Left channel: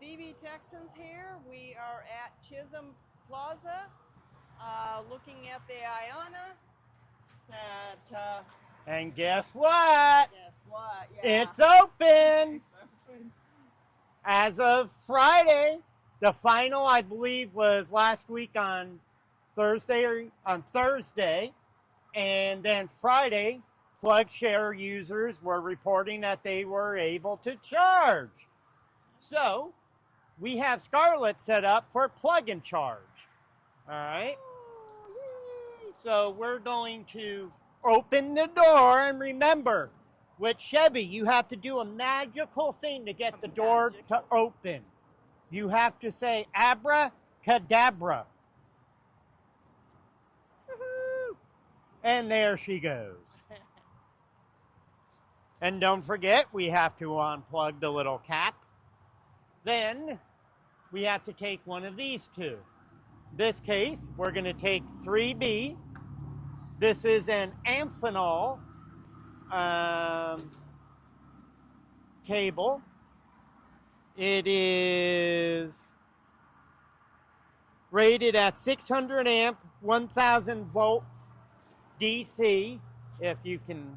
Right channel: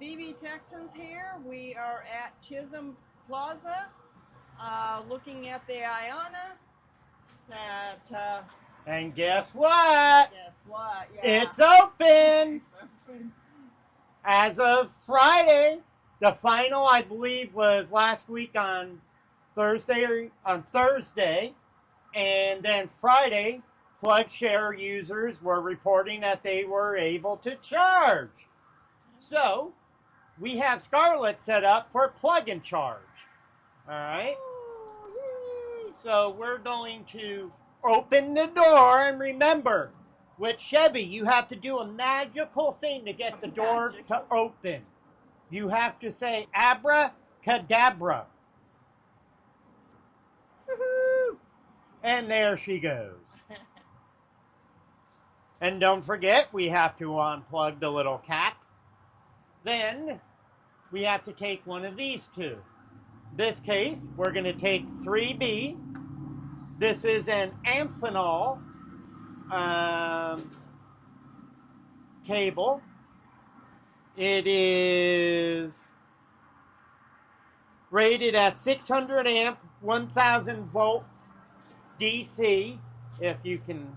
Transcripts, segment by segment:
it's Texans here. We are at Chisholm Plaza, looking at the Ionna. And guess what? Guess what? Yeah. It's open! As of Friday. The final, I believe, was last week on Thursday. And then Friday, PlugShare users were reporting that they were able to charge. So, we have Scarlett set up for plug and charge. Alright? So, we're going to open the door, and remember, with Chevy, you have to do a magical thing to get the door to open. You have to say abracadabra. Woohoo! And there she goes. And don't forget, we have to unplug the little cap. Then, we have to take one of these two. This case, we're going to take 3B. This is an Amphenol cable. It is rated at 600 amp, 1000 volts DC, if you can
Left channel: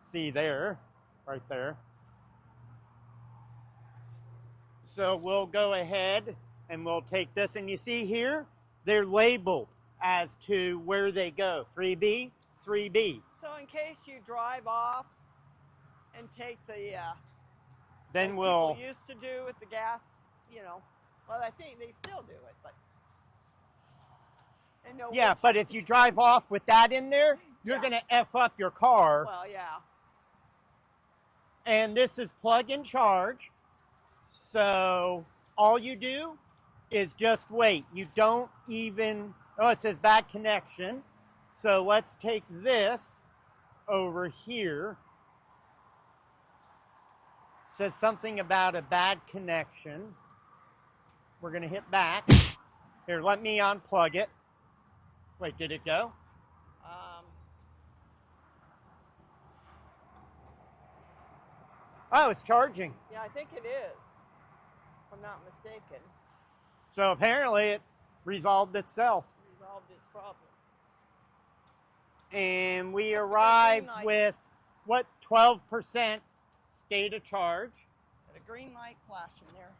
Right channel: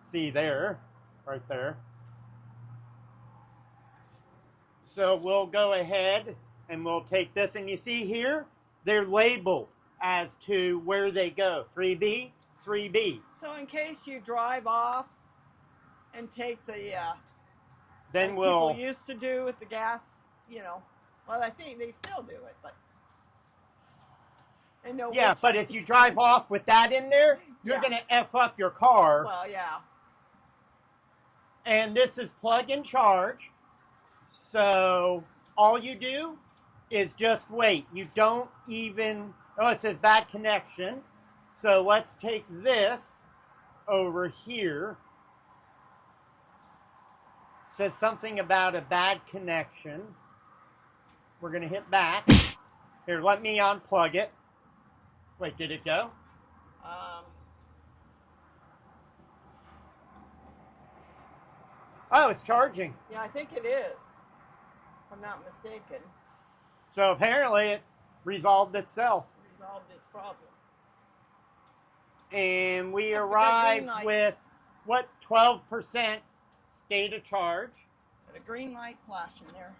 see there, right there. So we'll go ahead and we'll take this, and you see here, they're labeled as to where they go. 3B, 3B. So in case you drive off and take the, then like people used to do with the gas, you know, well, I think they still do it, but they know. Yeah, but if you drive off with that in there, you're going to F up your car. Well, yeah. And this is plug and charge. So all you do is just wait. You don't even, oh, it says bad connection. So let's take this over here. It says something about a bad connection. We're going to hit back. Here, let me unplug it. Wait, did it go? Oh, it's charging. Yeah, I think it is, if I'm not mistaken. So apparently it resolved itself. Resolved its problem. And we arrived with, what, 12% state of charge. Got a green light flashing there.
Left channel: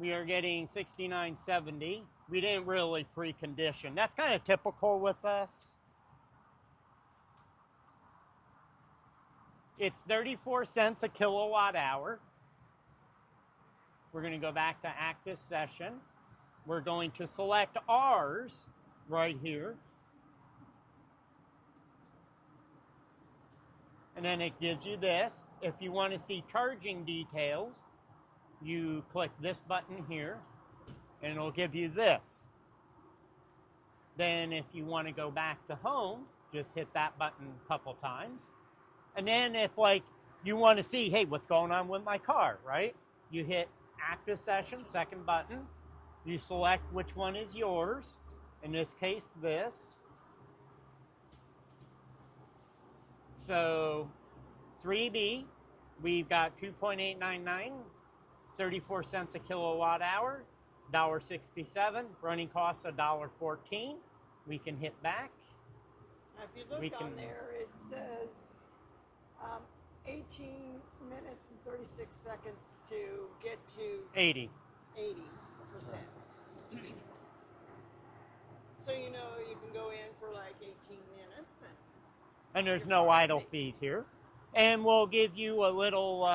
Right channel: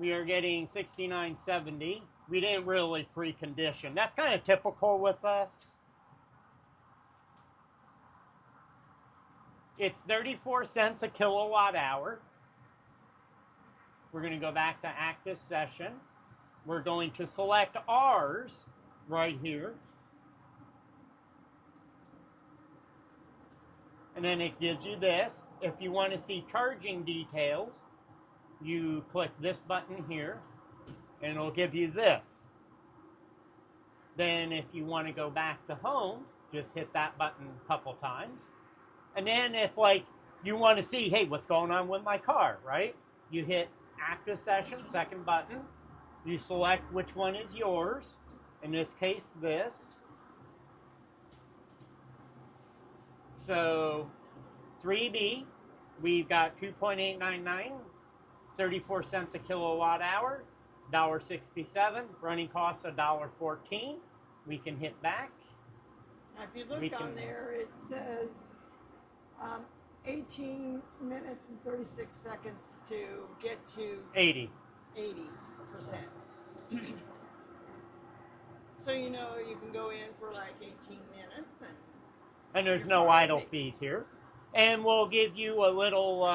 We are getting 69.70. We didn't really precondition. That's kind of typical with us. It's 34 cents a kilowatt hour. We're going to go back to active session. We're going to select ours right here. And then it gives you this. If you want to see charging details, you click this button here, and it'll give you this. Then if you want to go back to home, just hit that button a couple times. And then if, like, you want to see, hey, what's going on with my car, right? You hit active session, second button. You select which one is yours. In this case, this. So 3B, we've got 2.899, 34 cents a kilowatt hour, $1.67, running costs $1.14. We can hit back. Now, if you look on there, it says 18 minutes and 36 seconds to get to 80%. So you know you can go in for like 18 minutes and there's no idle fees here. And we'll give you a little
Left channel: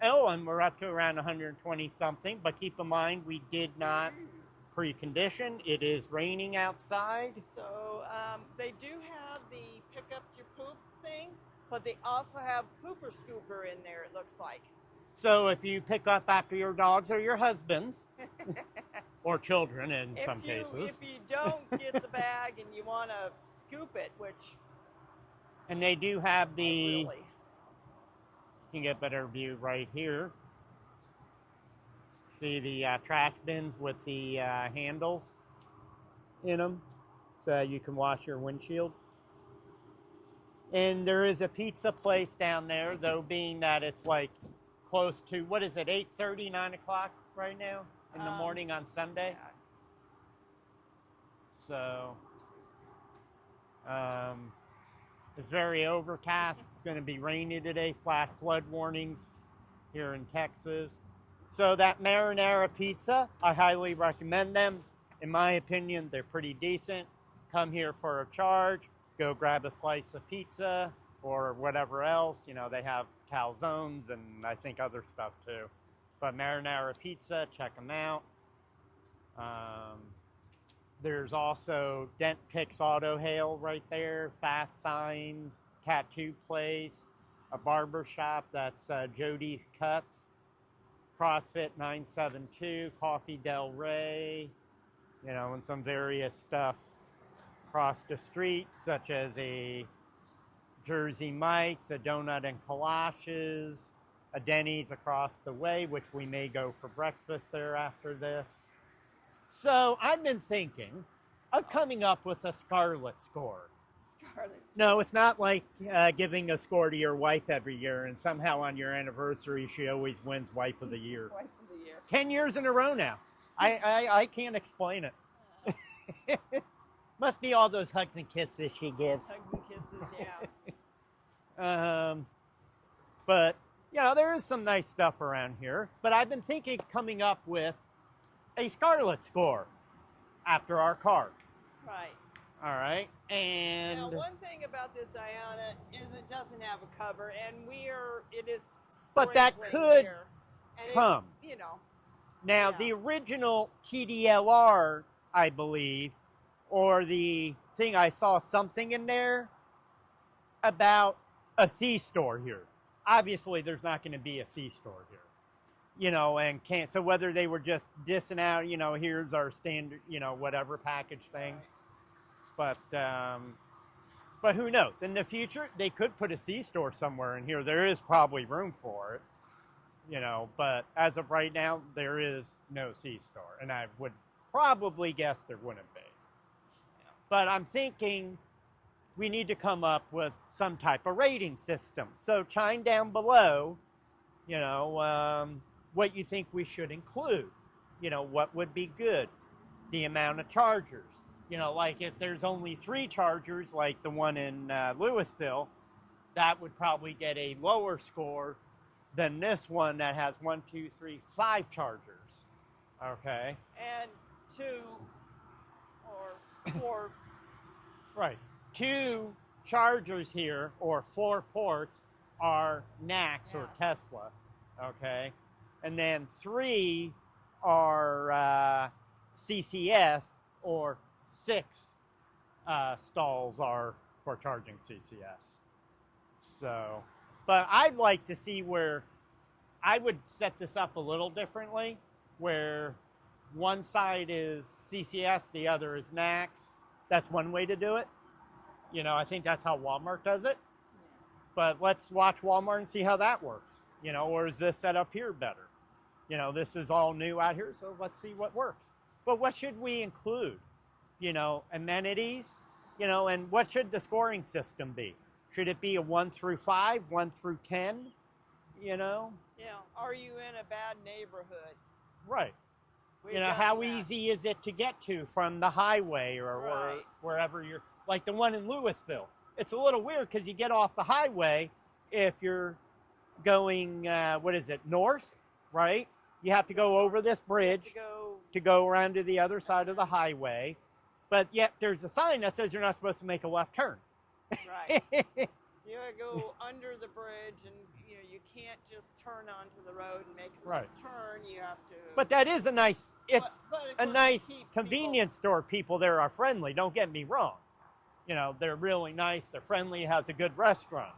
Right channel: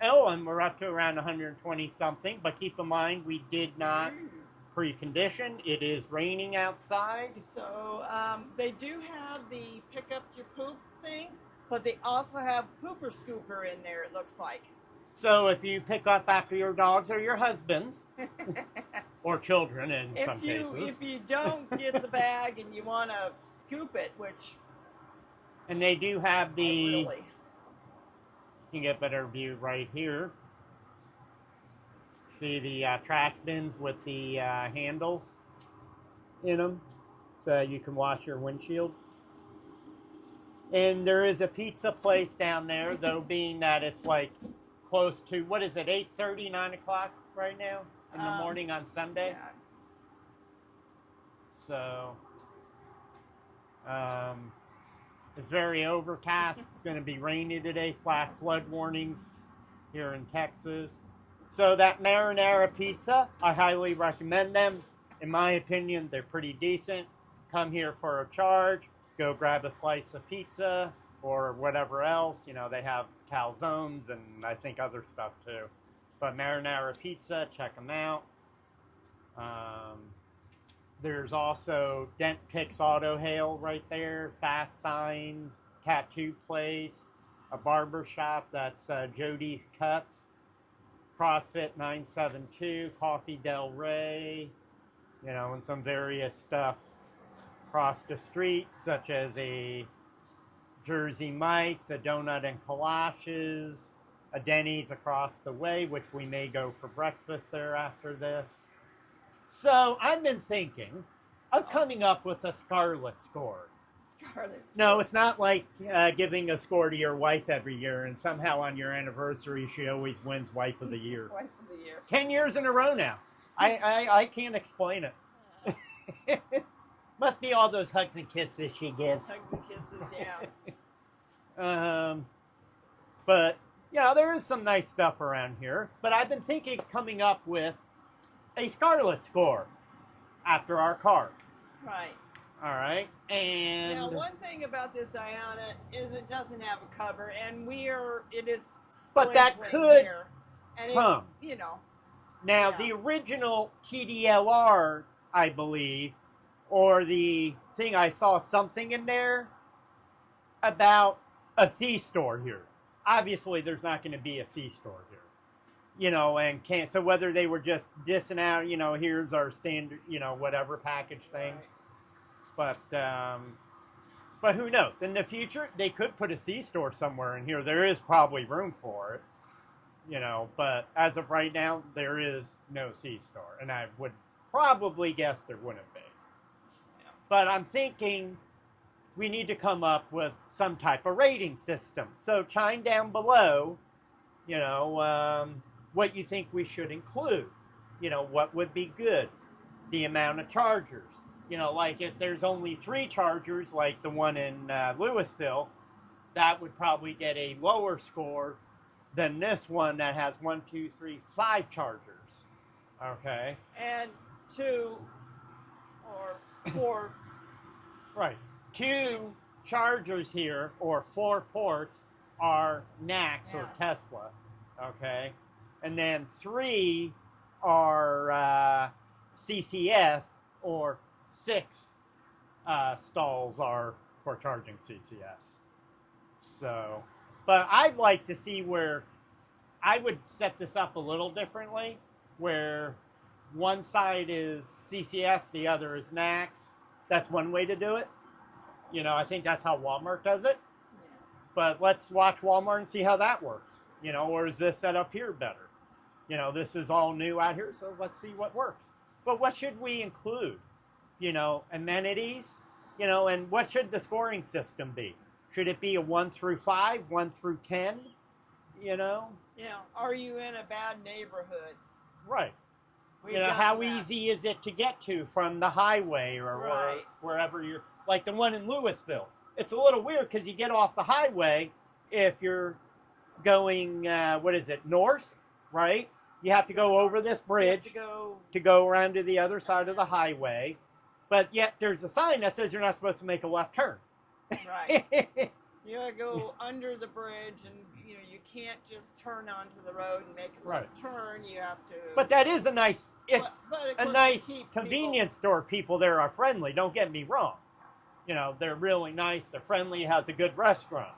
and we're up to around 120 something, but keep in mind we did not precondition. It is raining outside. So they do have the pick up your poop thing, but they also have pooper scooper in there, it looks like. So if you pick up after your dogs or your husbands, or children in some cases. If you don't get the bag and you want to scoop it, which... And they do have the... Really. You can get a better view right here. See the trash bins with the handles in them, so you can wash your windshield. And there is a pizza place down there, though, being that it's like close to, what is it, 8:30, 9 o'clock right now in the morning on Sunday? Yeah. So, it's very overcast. It's going to be rainy today, flash flood warnings here in Texas. So that marinara pizza, I highly recommend them. In my opinion, they're pretty decent. Come here for a charge. Go grab a slice of pizza or whatever else. You know, they have calzones and I think other stuff too. But marinara pizza, check them out. There's also Dent Picks Auto Hail right there, Fast Signs, Tattoo Place, a barber shop, that's Jody's Cuts, CrossFit 972, Coffee Del Rey, you know, and some various stuff across the street, such as a Jersey Mike's, a Donut and Kolaches, a Denny's across the way, which we may go for breakfast there after this. So I've been thinking of coming up with a Scarlet score. Scarlet. No, it's not like giving a score to your wife every year and somehow on your anniversary she always wins Wife of the Year. Wife of the Year. 10 years in a row now. I can't explain it. Must be all those hugs and kisses she gives. Hugs and kisses, yeah. But, you know, there is some nice stuff around here. But I've been thinking of coming up with a Scarlet score after our car. Right. All right. And now, one thing about this Ionna is it doesn't have a cover, and it is but that sprinkling could here, and come. It, you know. Now, Yeah. the original TDLR, I believe, or the thing I saw something in there about a C-store here. Obviously, there's not going to be a C-store here. You know, and can't, so whether they were just dissing out, you know, here's our standard, you know, whatever package thing. Right. But who knows? In the future, they could put a C-store somewhere in here. There is probably room for it, you know, but as of right now, there is no C-store. And I would probably guess there wouldn't be. Yeah. But I'm thinking we need to come up with some type of rating system. So chime down below, you know, what you think we should include. You know, what would be good? The amount of chargers. You know, like if there's only 3 chargers, like the one in Louisville, that would probably get a lower score than this one that has 1, 2, 3, 5 chargers. Okay? And 2 or 4. Right. 2 chargers here, or 4 ports, are NACS or Tesla. Okay? And then 3 are CCS, or 6 stalls are for charging CCS. So, but I'd like to see where I would set this up a little differently, where one side is CCS, the other is NACS. That's one way to do it. You know, I think that's how Walmart does it. Yeah. But let's watch Walmart and see how that works. You know, or is this set up here better? You know, this is all new out here, so let's see what works. But what should we include? You know, amenities, you know, and what should the scoring system be? Should it be a 1 through 5, 1 through 10, you know? Yeah. Are you in a bad neighborhood? Right. We've You know, done how that. easy is it to get to from the highway or Right. wherever you're, like the one in Louisville. It's a little weird because you get off the highway if you're going, what is it, north, right? You have to go over this bridge to go around to the other side of the highway. But yet there's a sign that says you're not supposed to make a left turn. Right. You gotta go under the bridge, and you know you can't just turn onto the road and make a left turn. You have to. But that is a nice. It's but of a course nice it keeps convenience store. People there are friendly. Don't get me wrong. You know, they're really nice. They're friendly. Has a good restaurant.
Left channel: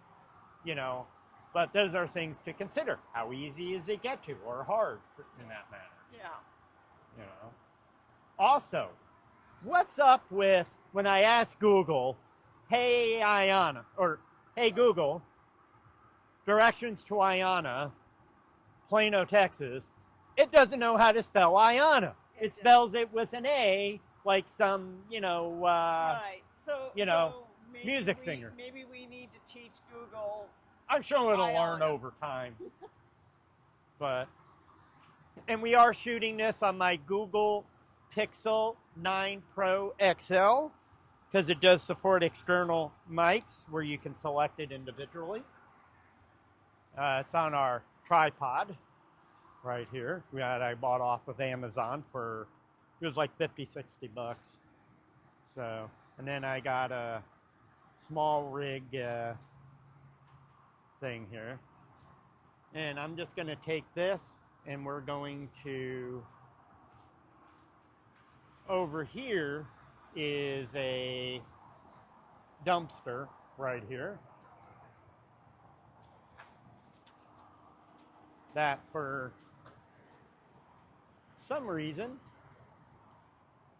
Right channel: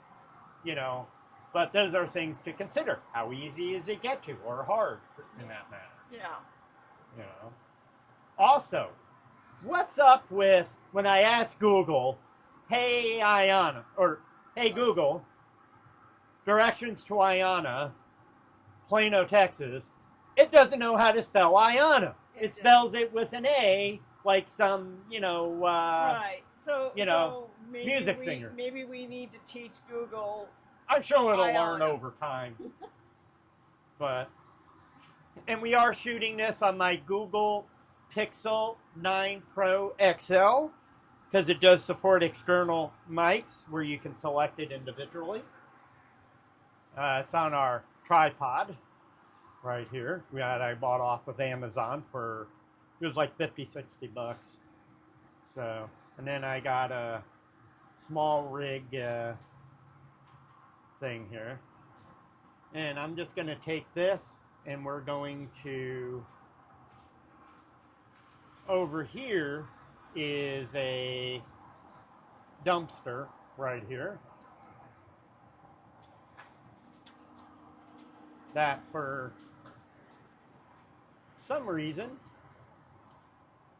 You know, but those are things to consider. How easy is it get to, or hard in that matter? Yeah. You know. Also, what's up with when I ask Google, "Hey Ionna," or "Hey Google, directions to Ionna, Plano, Texas," it doesn't know how to spell Ionna. It spells it with an A like some, right. So, so maybe music singer. Maybe we need to teach Google. I'm sure it'll biology. learn over time. And we are shooting this on my Google Pixel 9 Pro XL because it does support external mics where you can select it individually. It's on our tripod right here that I bought off of Amazon for, it was like 50, 60 bucks. So, and then I got a small rig thing here. And I'm just going to take this and we're going to, over here is a dumpster right here that for some reason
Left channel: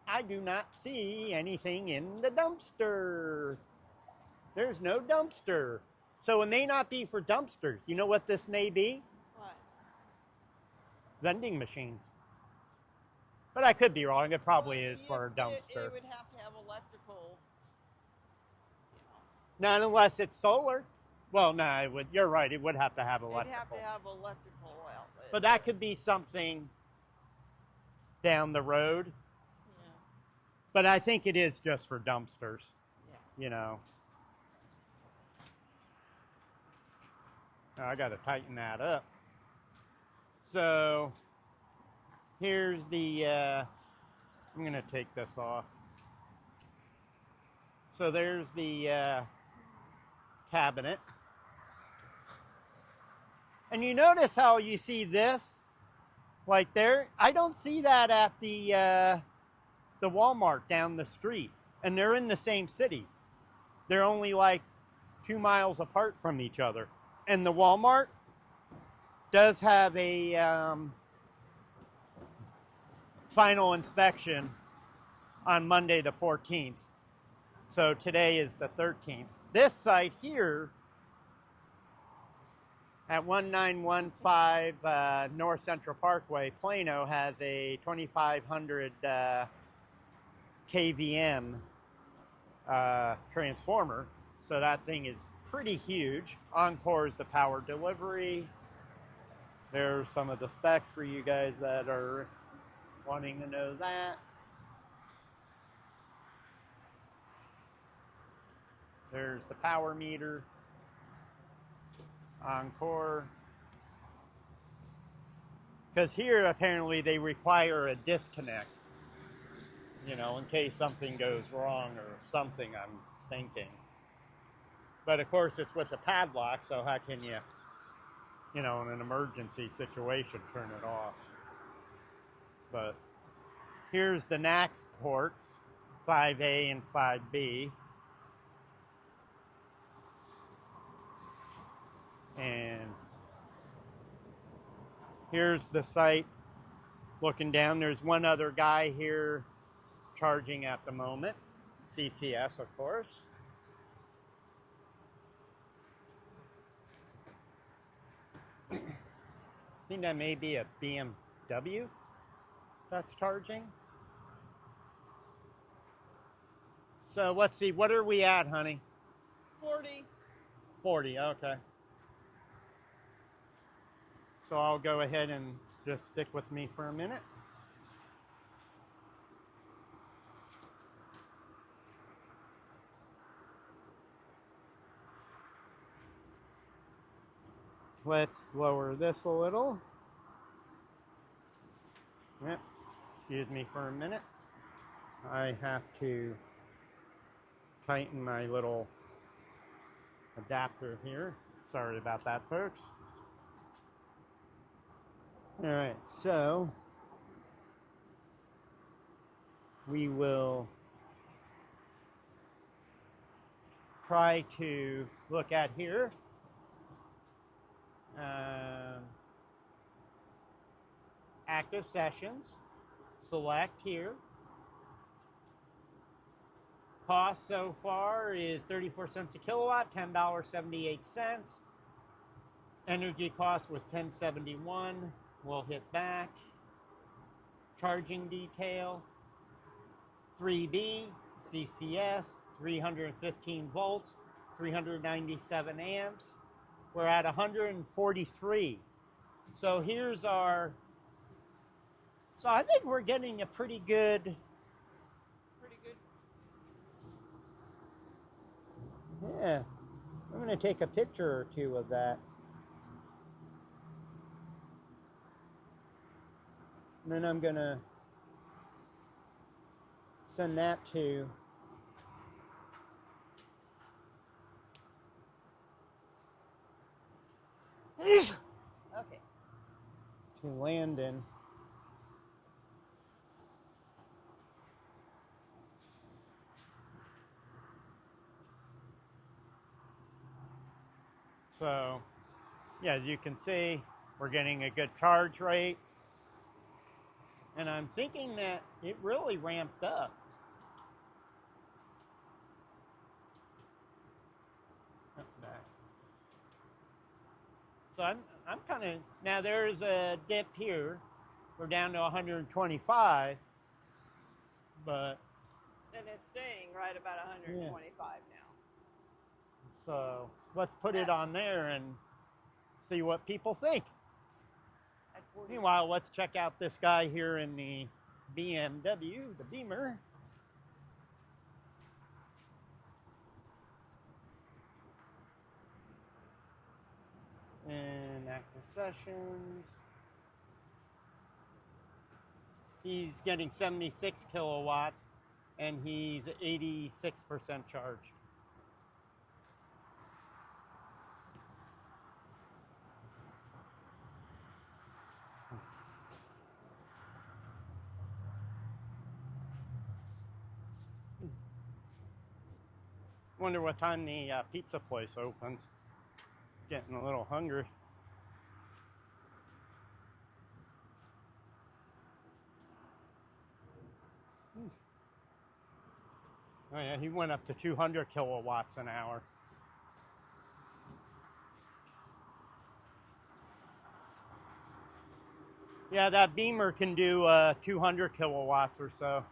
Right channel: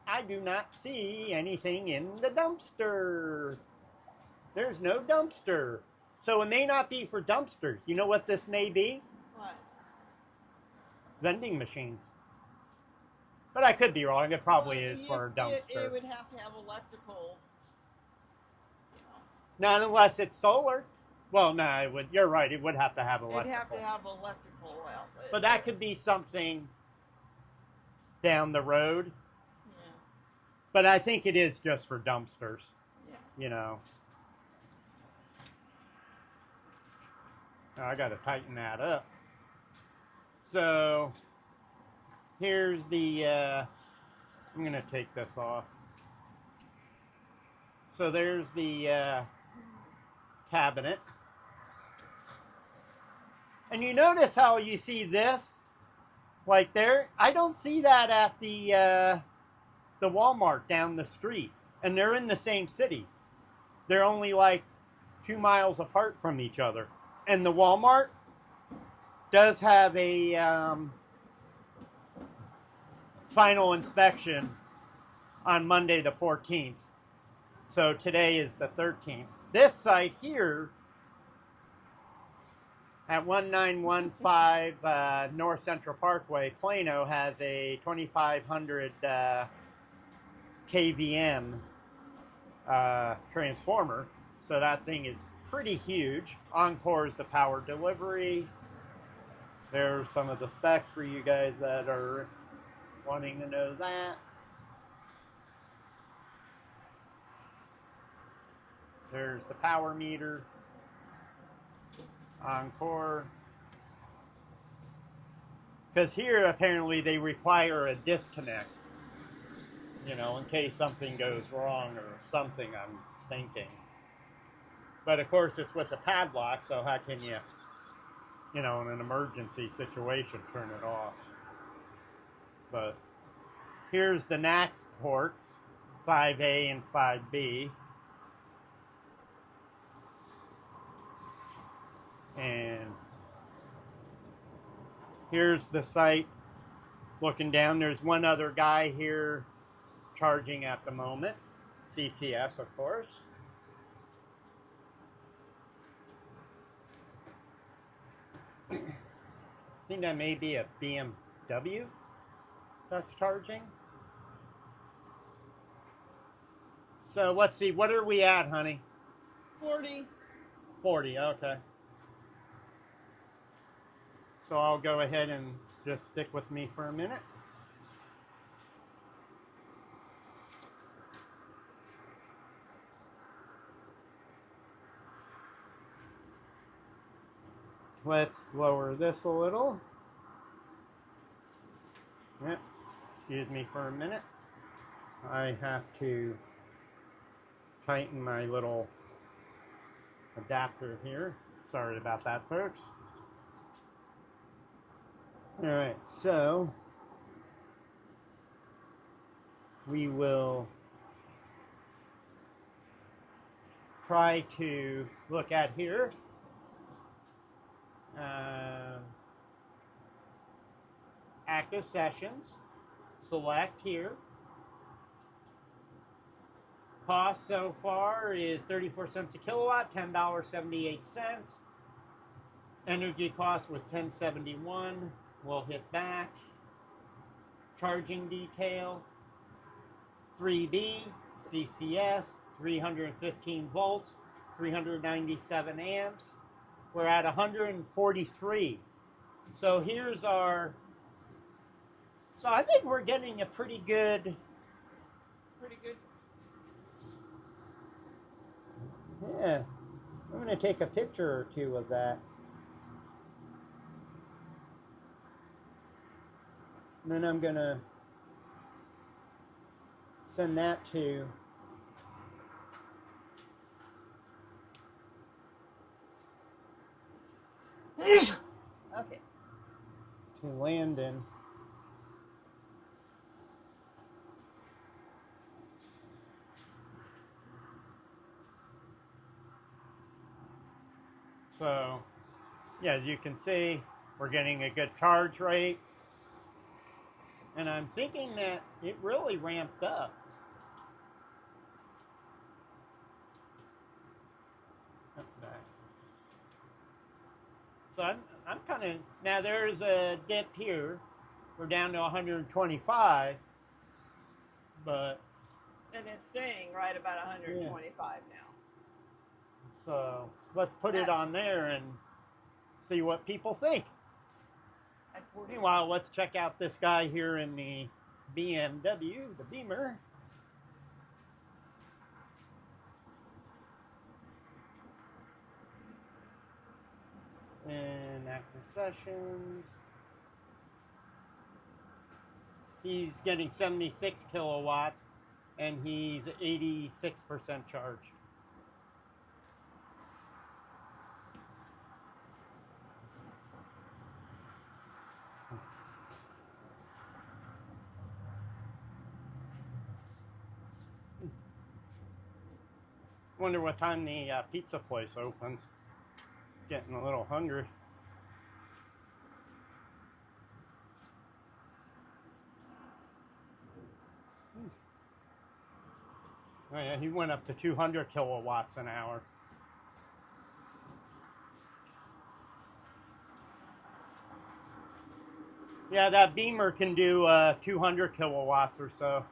I do not see anything in the dumpster. There's no dumpster. So it may not be for dumpsters. You know what this may be? What? Vending machines. But I could be wrong. It probably is for a dumpster. It would have to have electrical. Not unless it's solar. Well, no, it would. You're right. It would have to have electrical. It'd have to have electrical outlet. But that could be something down the road. Yeah. But I think it is just for dumpsters. Yeah. I got to tighten that up. So here's the, I'm going to take this off. So there's the cabinet. And you notice how you see this, like there? I don't see that at the Walmart down the street. And they're in the same city. They're only like 2 miles apart from each other. And the Walmart does have a final inspection on Monday the 14th. So today is the 13th. This site here at 1915 North Central Parkway, Plano, has a 2500 kVM transformer. So that thing is pretty huge. Encore is the power delivery. There's some of the specs for you guys that are wanting to know that. There's the power meter. Encore. Because here apparently they require a disconnect. In case something goes wrong or something, I'm thinking. But of course it's with a padlock, so how can you, in an emergency situation, turn it off? But here's the NAX ports, 5A and 5B. And here's the site looking down. There's one other guy here charging at the moment. CCS, of course. I think that may be a BMW that's charging. So let's see, what are we at, honey? 40. 40, okay. So I'll go ahead and just stick with me for a minute. Let's lower this a little. Yeah, excuse me for a minute. I have to tighten my little adapter here. Sorry about that, folks. Alright, so we will try to look at here. Active sessions. Select here. Cost so far is 34 cents a kilowatt, $10.78. Energy cost was $10.71. We'll hit back. Charging detail. 3B, CCS, 315 volts, 397 amps. We're at 143. So here's our, so I think we're getting a pretty good. Yeah, I'm going to take a picture or two of that. And then I'm going to send that to Okay. to Landon. So, yeah, as you can see, we're getting a good charge rate. And I'm thinking that it really ramped up. So I'm kind of, now there is a dip here. We're down to 125, but. And it's staying right about 125 now. So let's put it on there and see what people think. Meanwhile, let's check out this guy here in the BMW, the Beamer. And active sessions. He's getting 76 kilowatts and he's 86% charged. Wonder what time the pizza place opens. Getting a little hungry. Oh yeah, he went up to 200 kilowatts an hour. Yeah, that Beamer can do 200 kilowatts or so.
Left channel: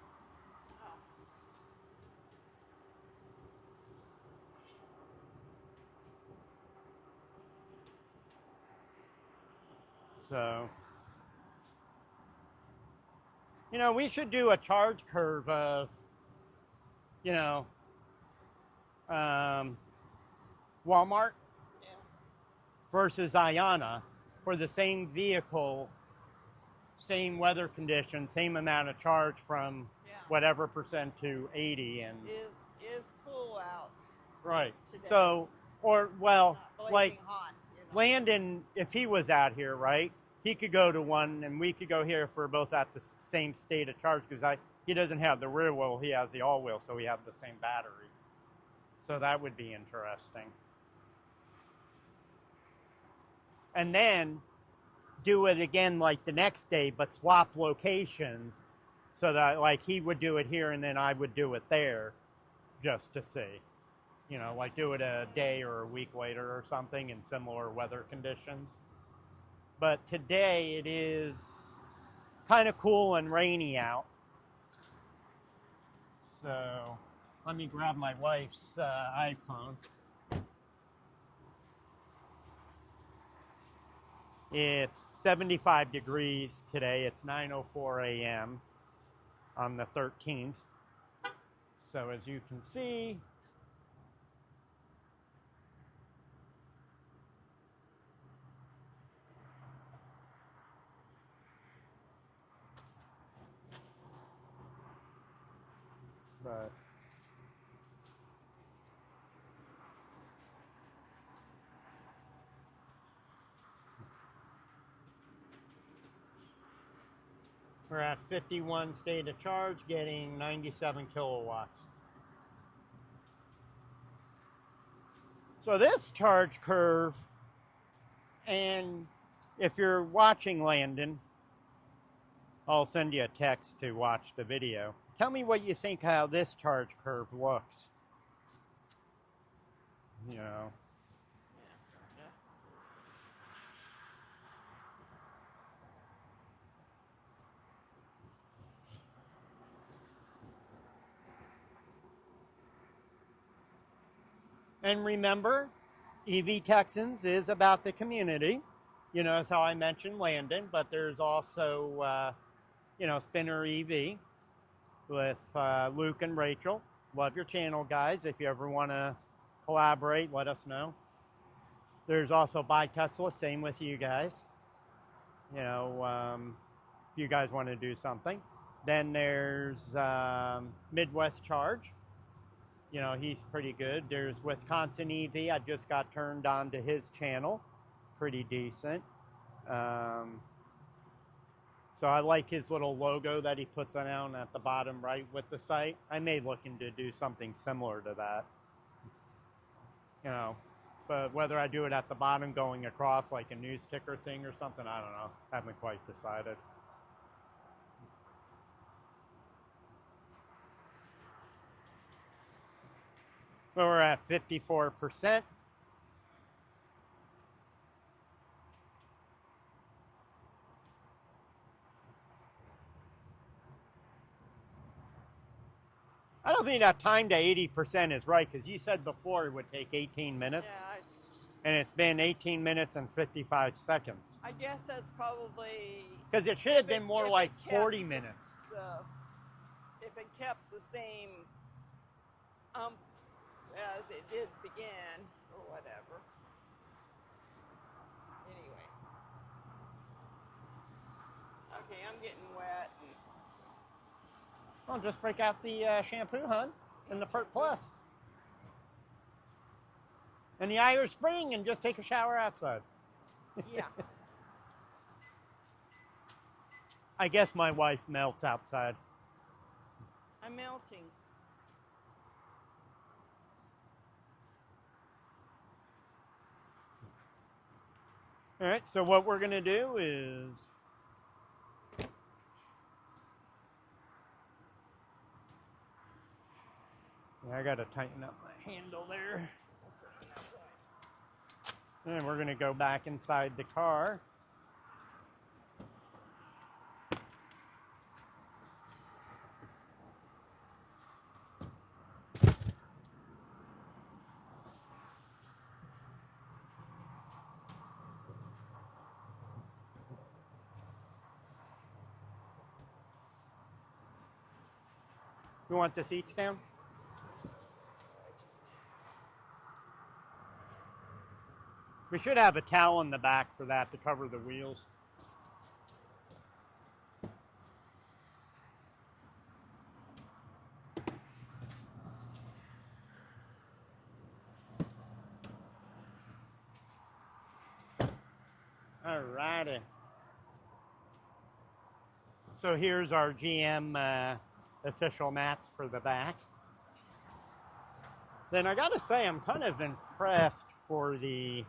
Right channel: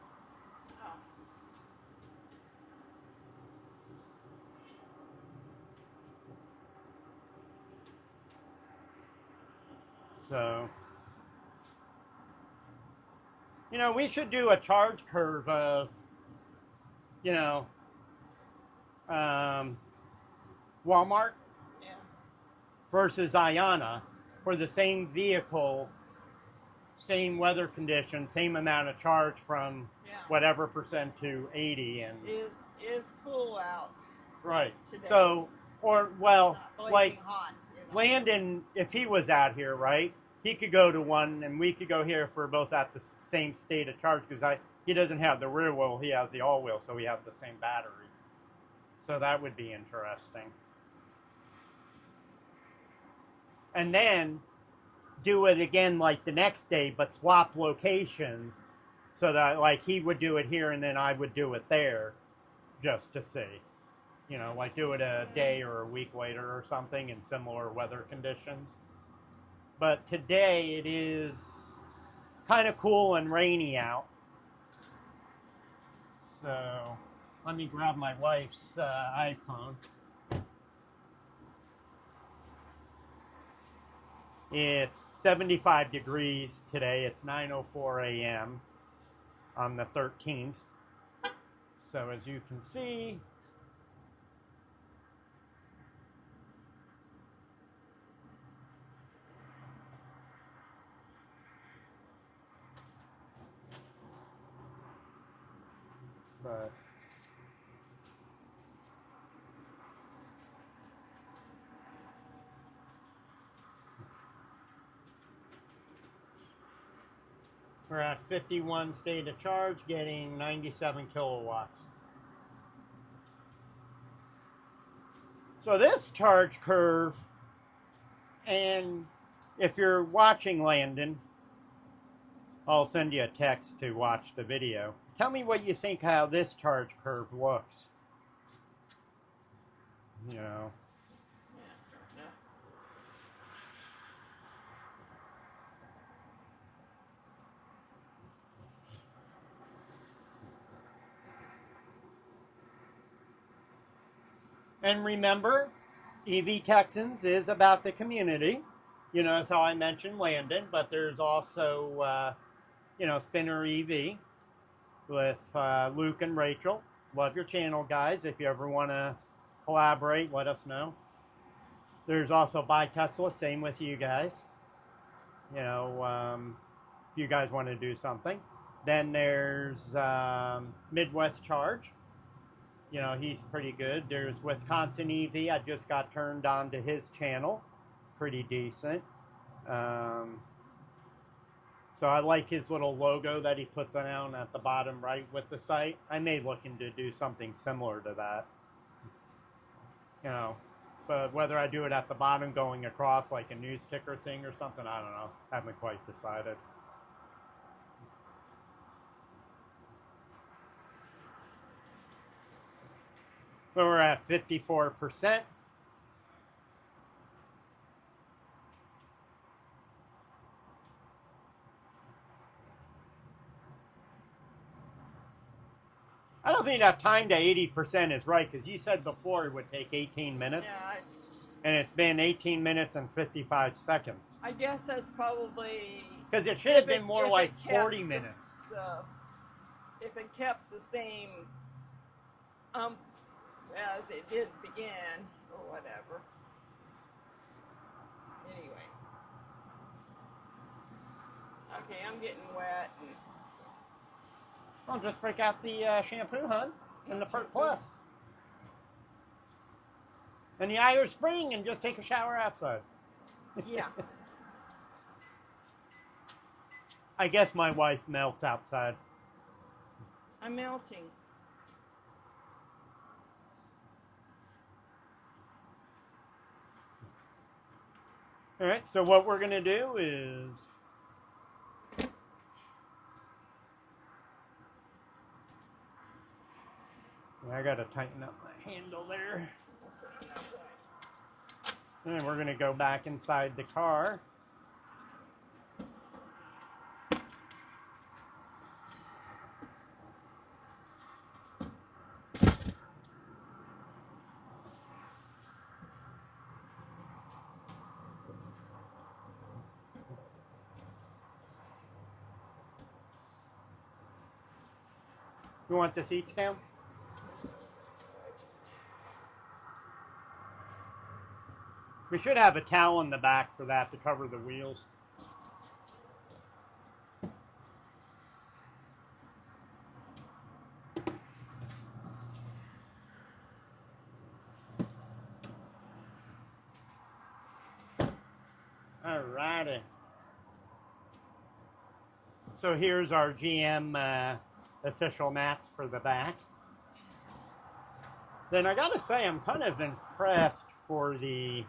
So, you know, we should do a charge curve of, you know, Walmart versus Ionna for the same vehicle, same weather conditions, same amount of charge from whatever percent to 80. And is cool out. Right. Today. So, or well, like hot, Landon, if he was out here, right, he could go to one, and we could go here if we're both at the same state of charge, because he doesn't have the rear wheel, he has the all wheel, so we have the same battery. So that would be interesting. And then do it again like the next day, but swap locations, so that like he would do it here and then I would do it there, just to see. You know, like do it a day or a week later or something in similar weather conditions. But today it is kind of cool and rainy out. So let me grab my wife's iPhone. It's 75 degrees today. It's 9:04 a.m. on the 13th. So as you can see, but we're at 51 state of charge, getting 97 kilowatts. So this charge curve, and if you're watching Landon, I'll send you a text to watch the video. Tell me what you think how this charge curve looks. You know. And remember, EV Texans is about the community. You know, as how I mentioned Landon, but there's also, you know, Spinner EV with Luke and Rachel. Love your channel, guys. If you ever want to collaborate, let us know. There's also Buy Tesla, same with you guys. You know, if you guys want to do something. Then there's Midwest Charge. You know, he's pretty good. There's Wisconsin EV. I just got turned on to his channel. Pretty decent. So I like his little logo that he puts on at the bottom right with the site. I may look into do something similar to that. You know, but whether I do it at the bottom going across like a news ticker thing or something, I don't know. Haven't quite decided. But we're at 54%. I don't think that time to 80% is right, because you said before it would take 18 minutes. Yeah, and it's been 18 minutes and 55 seconds. I guess that's probably... Because it should have been more like 40 minutes. If it kept the same as it did begin, or whatever. Anyway. Okay, I'm getting wet. Well, just break out the shampoo, hon, and the Pert Plus. And the Irish Spring, and just take a shower outside. Yeah. I guess my wife melts outside. I'm melting. All right, so what we're going to do is... I got to tighten up my handle there. And we're going to go back inside the car. You want the seats down? We should have a towel in the back for that to cover the wheels. Alrighty. So here's our GM official mats for the back. Then I gotta say, I'm kind of impressed for the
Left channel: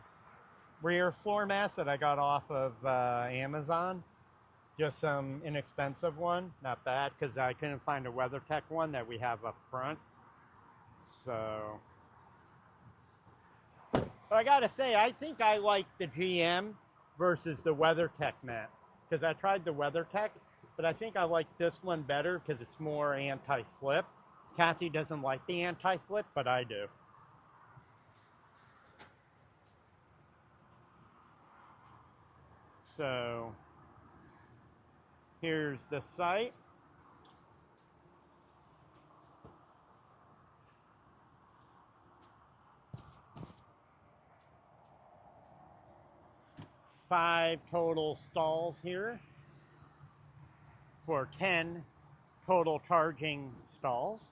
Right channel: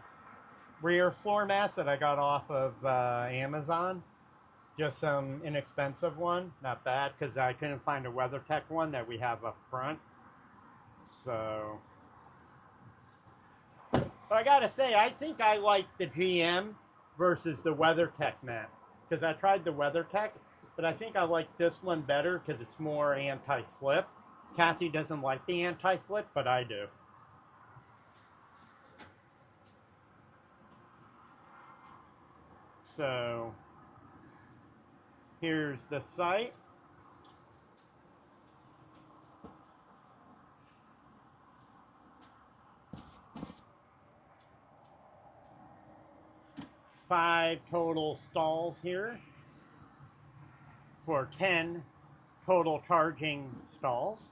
rear floor mats that I got off of Amazon. Just some inexpensive one, not bad, because I couldn't find a WeatherTech one that we have up front. So, but I gotta say, I think I like the GM versus the WeatherTech mat, because I tried the WeatherTech, but I think I like this one better because it's more anti-slip. Kathy doesn't like the anti-slip, but I do. So, here's the site. Five total stalls here for 10 total charging stalls.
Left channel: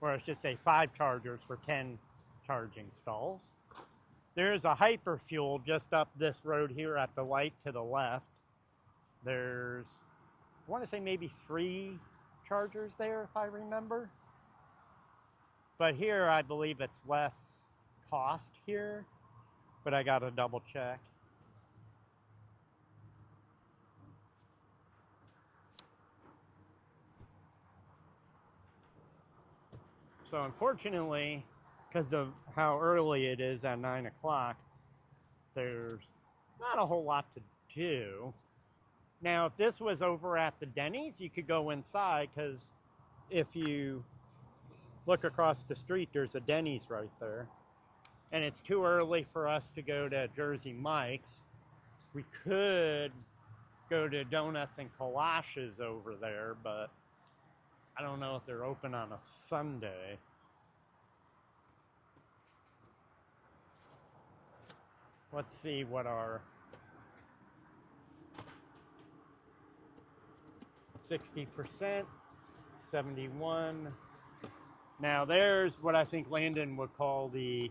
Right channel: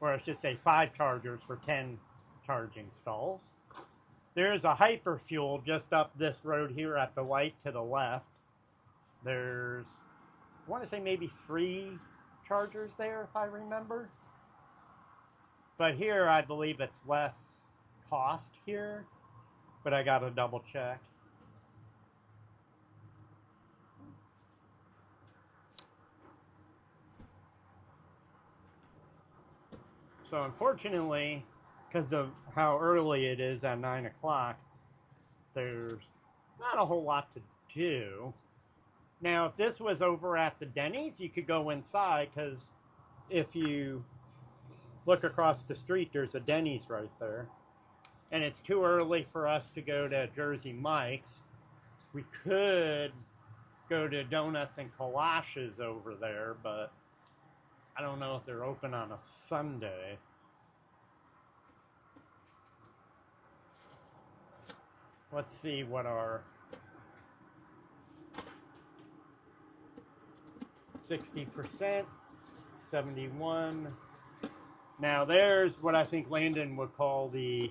Or I should say 5 chargers for 10 charging stalls. There's a hyperfuel just up this road here at the light to the left. There's, I want to say maybe 3 chargers there if I remember. But here I believe it's less cost here, but I gotta double check. So unfortunately, because of how early it is at 9 o'clock, there's not a whole lot to do. Now, if this was over at the Denny's, you could go inside, because if you look across the street, there's a Denny's right there. And it's too early for us to go to Jersey Mike's. We could go to Donuts and Kolaches over there, but I don't know if they're open on a Sunday. Let's see what our 60%, 71. Now there's what I think Landon would call the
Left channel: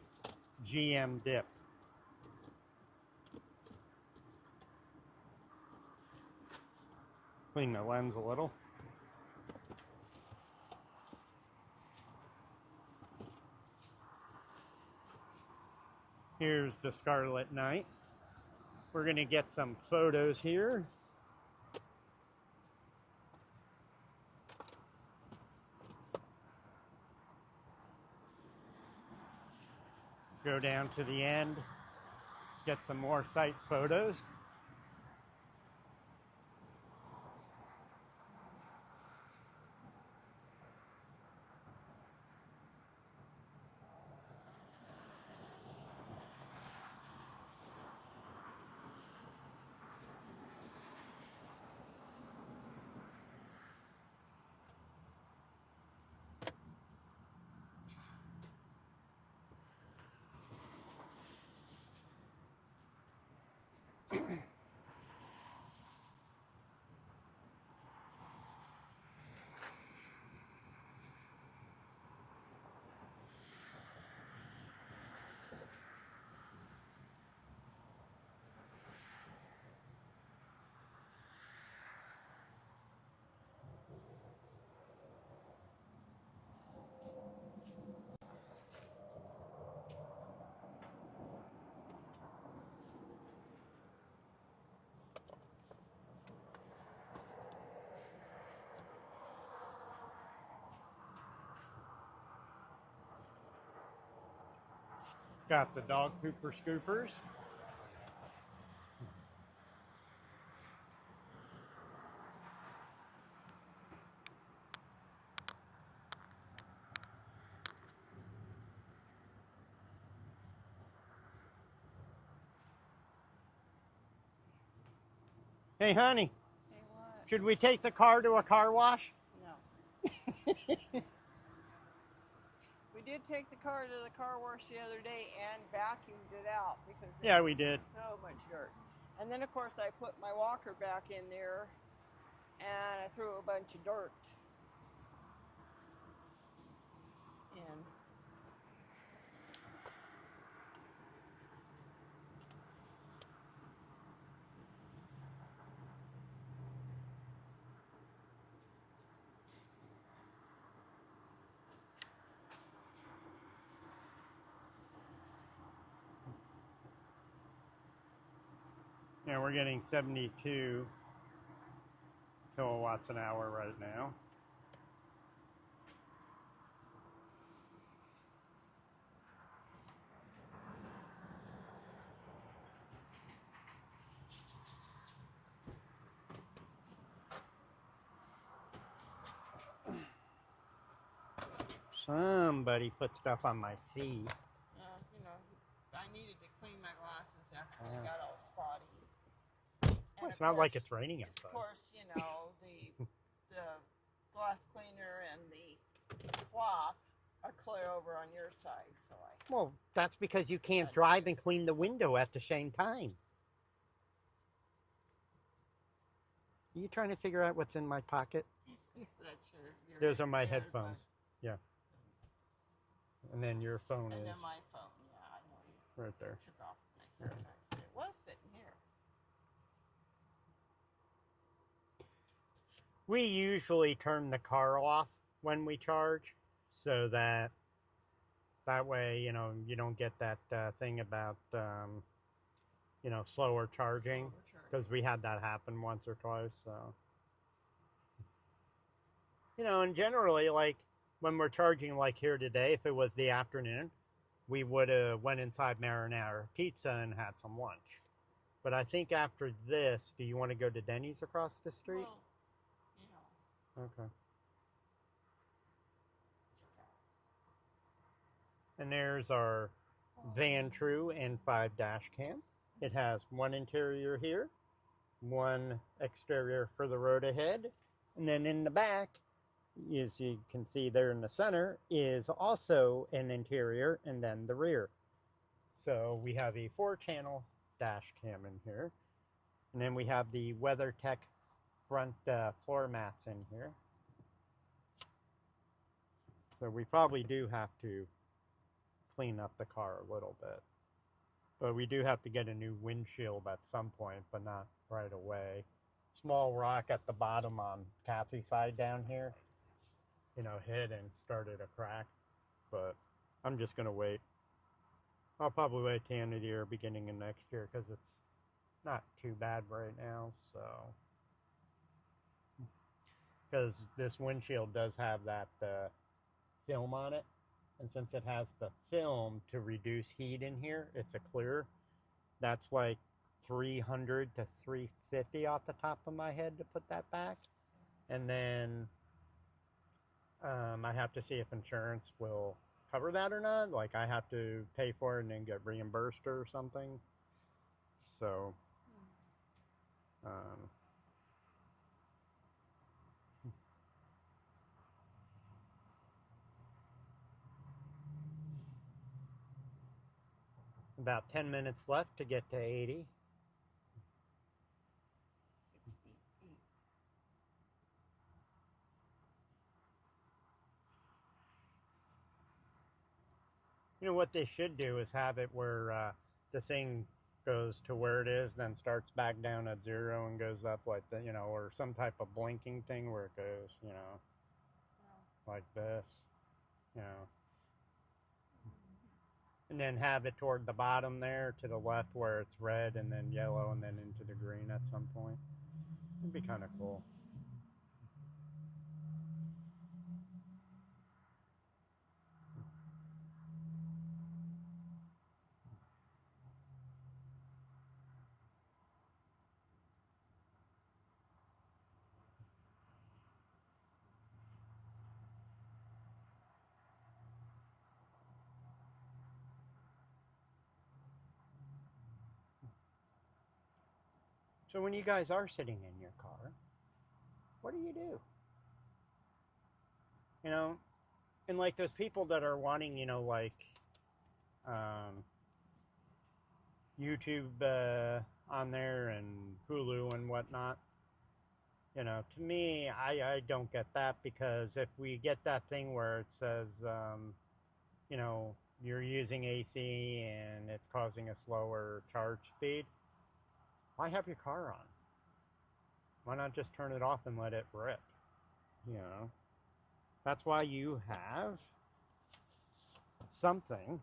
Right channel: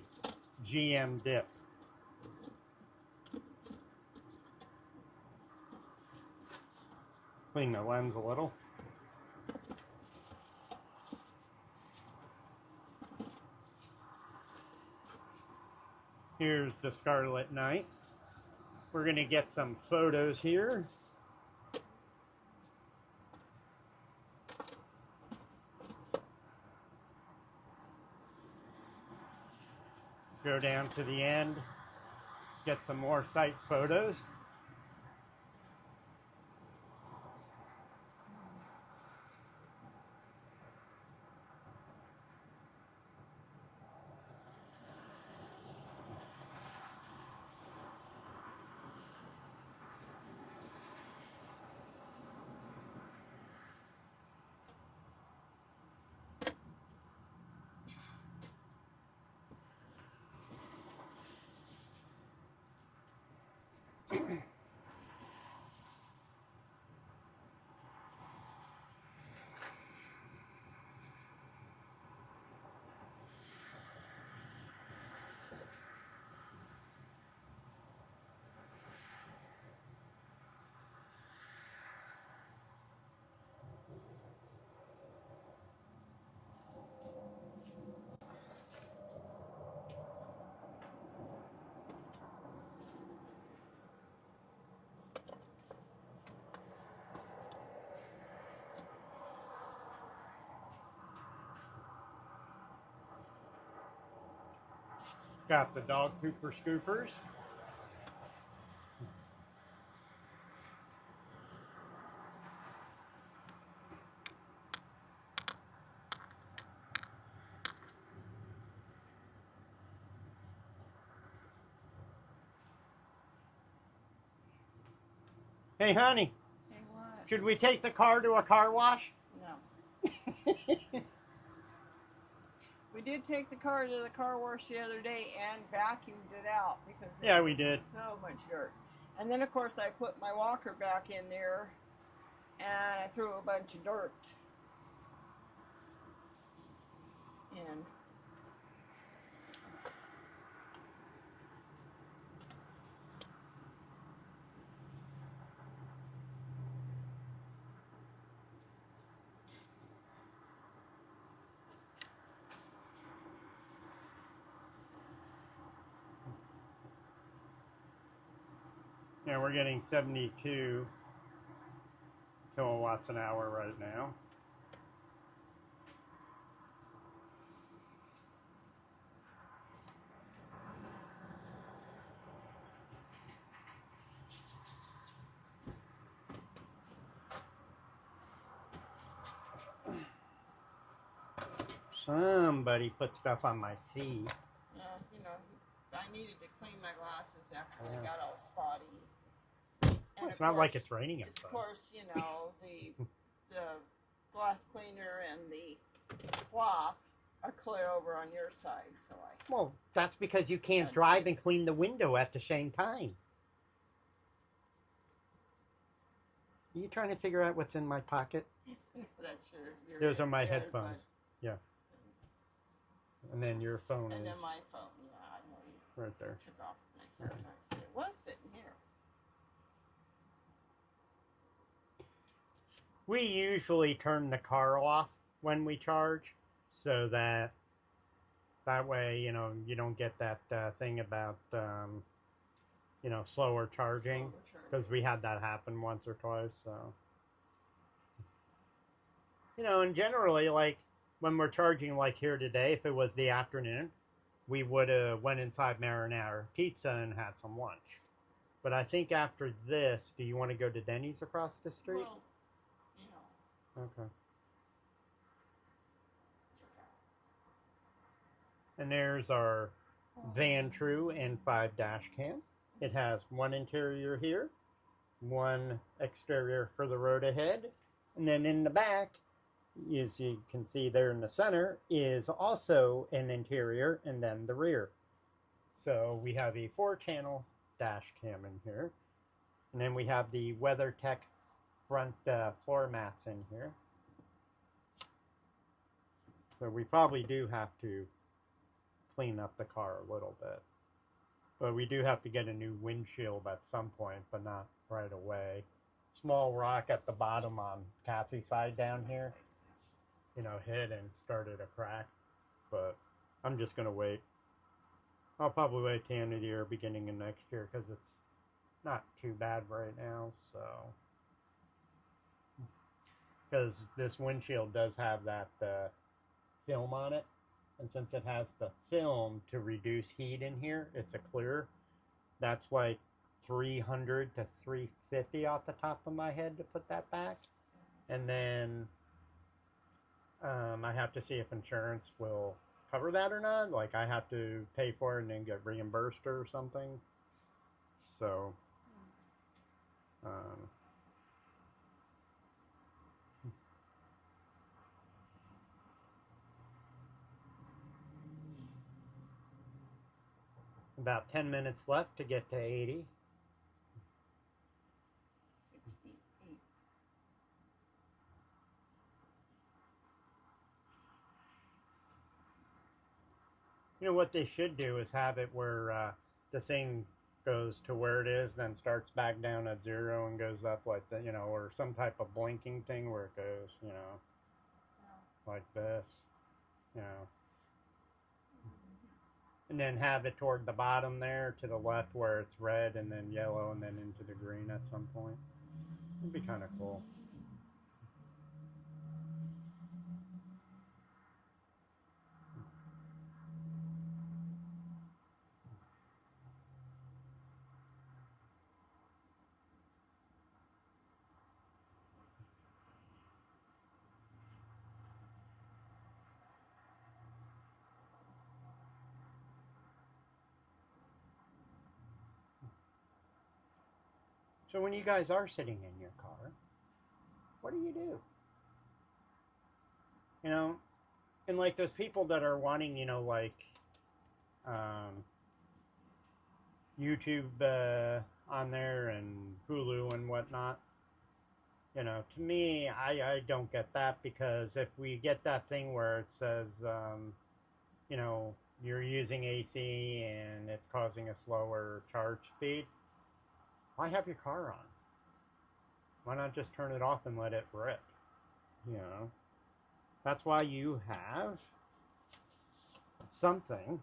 GM dip. Clean the lens a little. Here's the Scarlet Knight. We're going to get some photos here. Go down to the end, get some more site photos. Got the dog pooper scoopers. Hey, honey. Hey, what? Should we take the car to a car wash? No. We did take the car to the car wash the other day and vacuumed it out because yeah, we did. So much dirt. And then of course I put my walker back in there and I threw a bunch of dirt in. Yeah, we're getting 72 kilowatts an hour right now. Somebody put stuff on my seat. You know, I needed to clean my glasses after they got all spotty. And It's not like it's raining outside. Of course, you know, the glass cleaner and the cloth are clear over on your side, so I... Well, that's because you can't drive and clean the window at the same time. Are you trying to figure out what's in my pocket? That's your Those are my headphones. Yeah. And then your phone and is... then my phone, yeah, I know you right there. took off the next time. It was sitting here. We usually turn the car off when we charge, so that way, you know, you don't get that thing about, you know, slower charging, because we had that happen once or twice, so. You know, and generally, like, when we're charging, like here today, if it was the afternoon, we would have went inside Marinara Pizza and had some lunch. But I think after this, do you want to go to Denny's across the street? Well, you know. Okay. And there's our Van True N5 dash cam. It has one interior here, one exterior for the road ahead, and then in the back, as you can see there in the center, is also an interior and then the rear. So we have a 4-channel dash cam in here, and then we have the WeatherTech front floor mats in here. So we probably do have to clean up the car a little bit. But we do have to get a new windshield at some point, but not right away. Small rock at the bottom on Kathy's side down here, you know, hit and started a crack. But I'm just going to wait. I'll probably wait till the end of the year, beginning of next year, because it's not too bad right now. So, because this windshield does have that film on it. And since it has the film to reduce heat in here, it's a clear. That's like 300 to 350 off the top of my head to put that back. And then I have to see if insurance will cover that or not. Like I have to pay for it and then get reimbursed or something. So, about 10 minutes left to get to 80. 68. You know what they should do is have it where the thing goes to where it is, then starts back down at 0 and goes up like that, you know, or some type of blinking thing where it goes, you know, like this, you know. And then have it toward the bottom there to the left where it's red and then yellow and then into the green at some point. It'd be kind of cool. So when you guys are sitting in your car, what do? You know, and like those people that are wanting, you know, like YouTube on there and Hulu and whatnot. You know, to me, I don't get that, because if we get that thing where it says, you know, you're using AC and it's causing a slower charge speed, why have your car on? Why not just turn it off and let it rip? You know, that's why you have something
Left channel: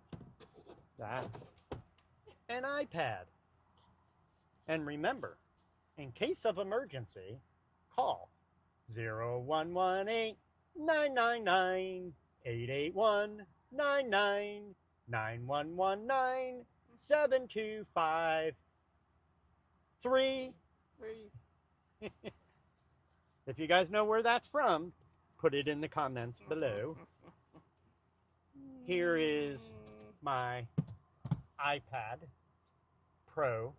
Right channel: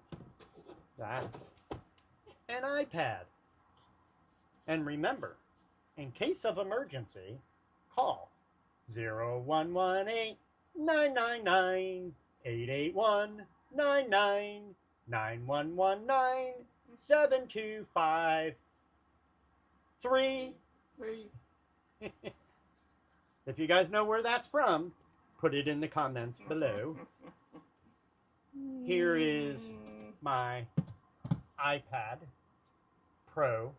that's an iPad. And remember, in case of emergency, call 0118-999-8819-9119-725-3. If you guys know where that's from, put it in the comments below. Here is my iPad Pro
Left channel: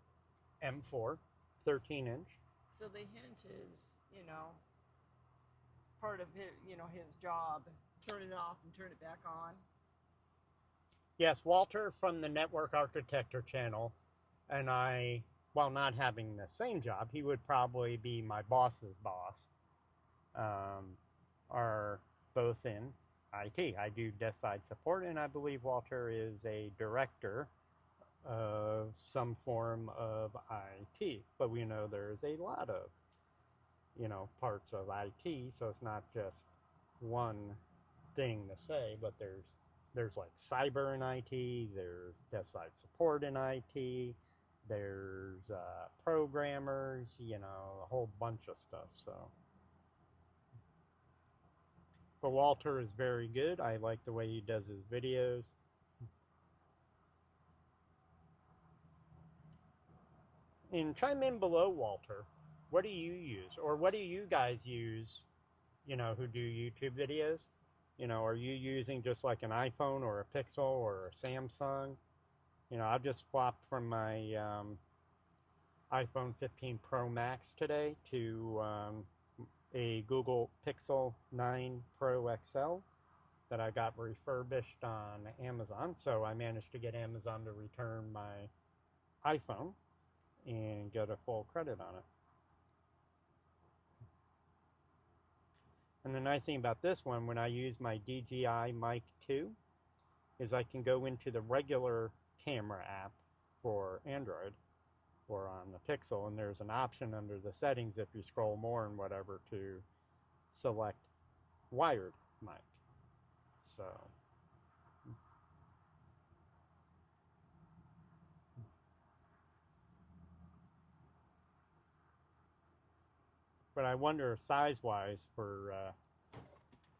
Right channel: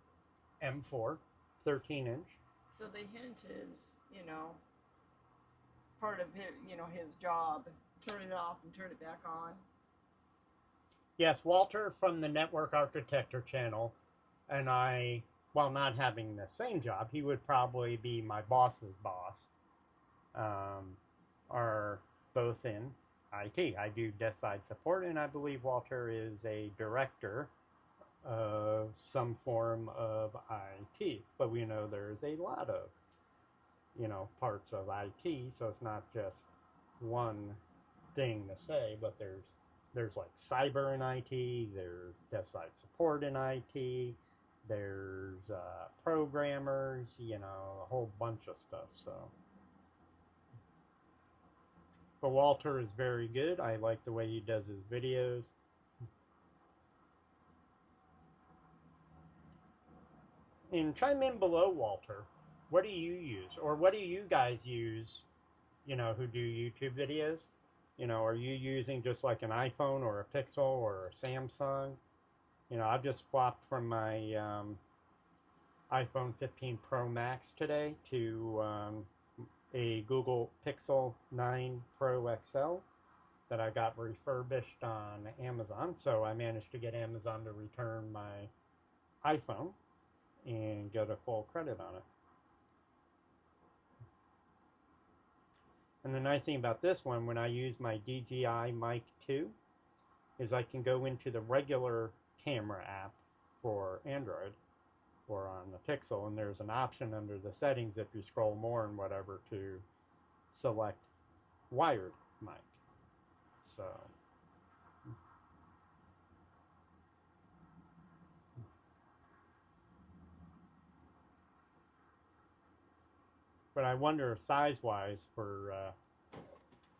M4 13-inch. So the hint is, you know, it's part of his, you know, his job. Turn it off and turn it back on. Yes, Walter from the Network Architecture channel and I, while not having the same job, he would probably be my boss's boss, are both in IT. I do desk side support, and I believe Walter is a director of some form of IT. But we know there's a lot of, you know, parts of IT, so it's not just one thing to say, but there's like cyber in IT, there's desk side support in IT, there's programmers, you know, a whole bunch of stuff. So, but Walter is very good. I like the way he does his videos. And chime in below, Walter. What do you use? Or what do you guys use, you know, who do YouTube videos? You know, are you using just like an iPhone or a Pixel or a Samsung? You know, I've just swapped from my iPhone 15 Pro Max today to a Google Pixel 9 Pro XL that I got refurbished on Amazon. So I managed to get Amazon to return my iPhone and get a full credit on it. And the nice thing about this one, when I use my DJI Mic 2, is I can go into the regular camera app for Android or on the Pixel, and there's an option under the settings if you scroll more and whatever to select wired mic. So but I wonder size-wise for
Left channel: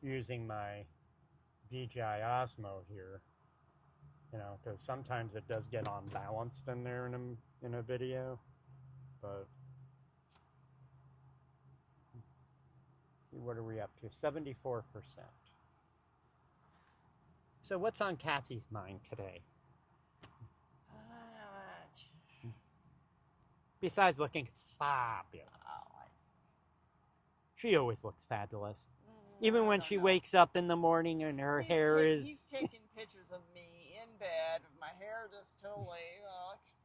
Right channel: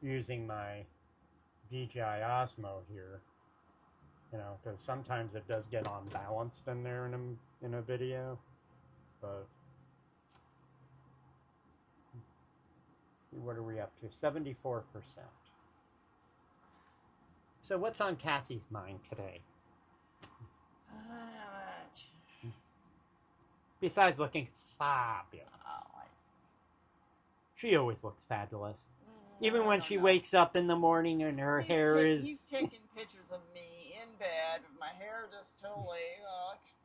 using my DJI Osmo here, you know, because sometimes it does get unbalanced in there in a video, but what are we up to? 74%. So what's on Kathy's mind today? Much. Besides looking fabulous. Oh, I see. She always looks fabulous. Even when she know. wakes up in the morning and her hair is... He's taking pictures of me in bed with my hair just totally...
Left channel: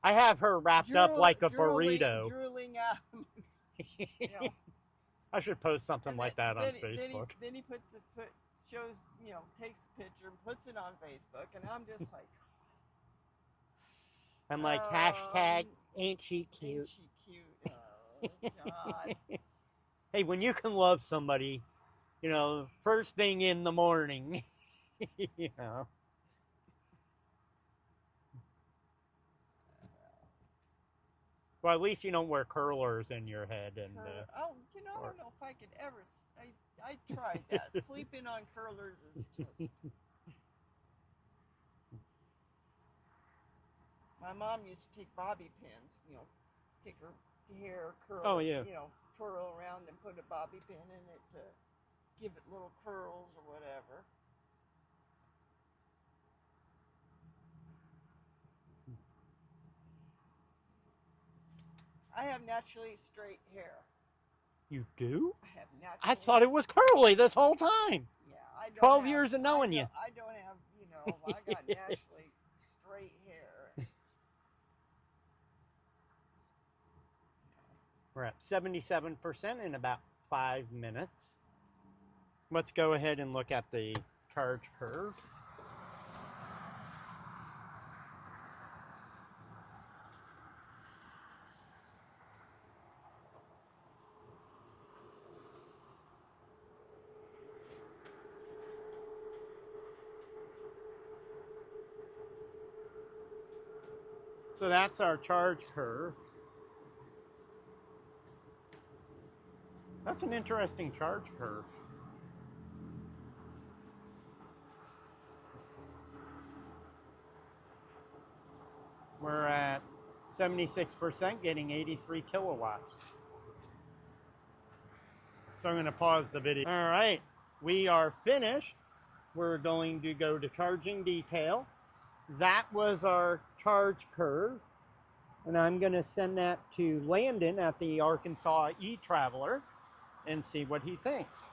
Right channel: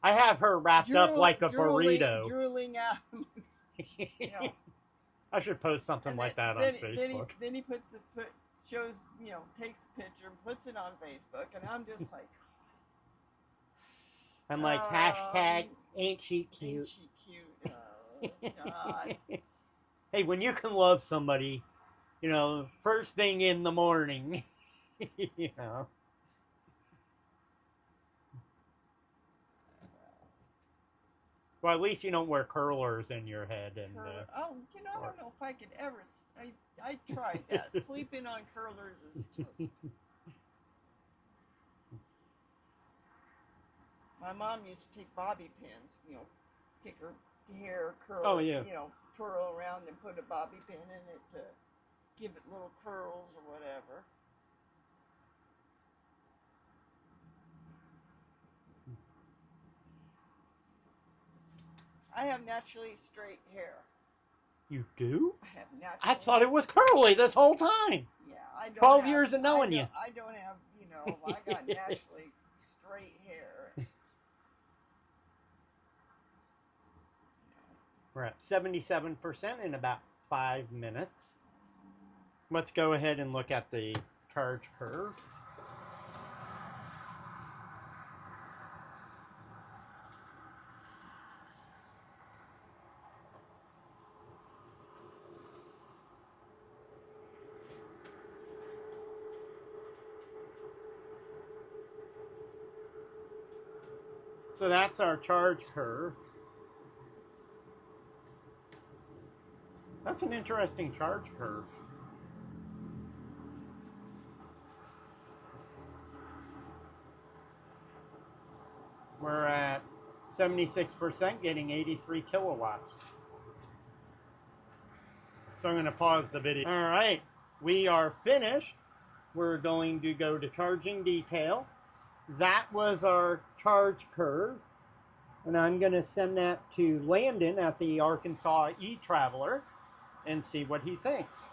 I have her wrapped up like a burrito. Drooling out. You know. I should post something like that on Facebook. Then he shows, you know, takes the picture and puts it on Facebook, and I'm just like... I'm like, hashtag, ain't she cute? Ain't she cute? Oh, God. Hey, when you can love somebody, you know, first thing in the morning, you know. Well, at least you don't wear curlers in your head. And oh, you know, I don't know if I could ever... I tried that. Sleeping on curlers is just... My mom used to take bobby pins, you know, take her hair, curl it, you know, twirl around and put a bobby pin in it to give it little curls or whatever. I have naturally straight hair. You do? I have naturally... I thought it was curly this whole time. Yeah, I don't 12 years of knowing you. I don't have, you know, I got naturally straight hair. We're at 77% in about 5 minutes. Let's go ahead and look at the charge curve. So that's our charge curve. That's an interesting charge curve. We're at 76%, getting 83 kilowatts. So I'm going to pause the video. All right, we are finished. We're going to go to charging detail. That was our charge curve. And I'm going to send that to Landon at the Arkansas e-Traveler and see what he thinks.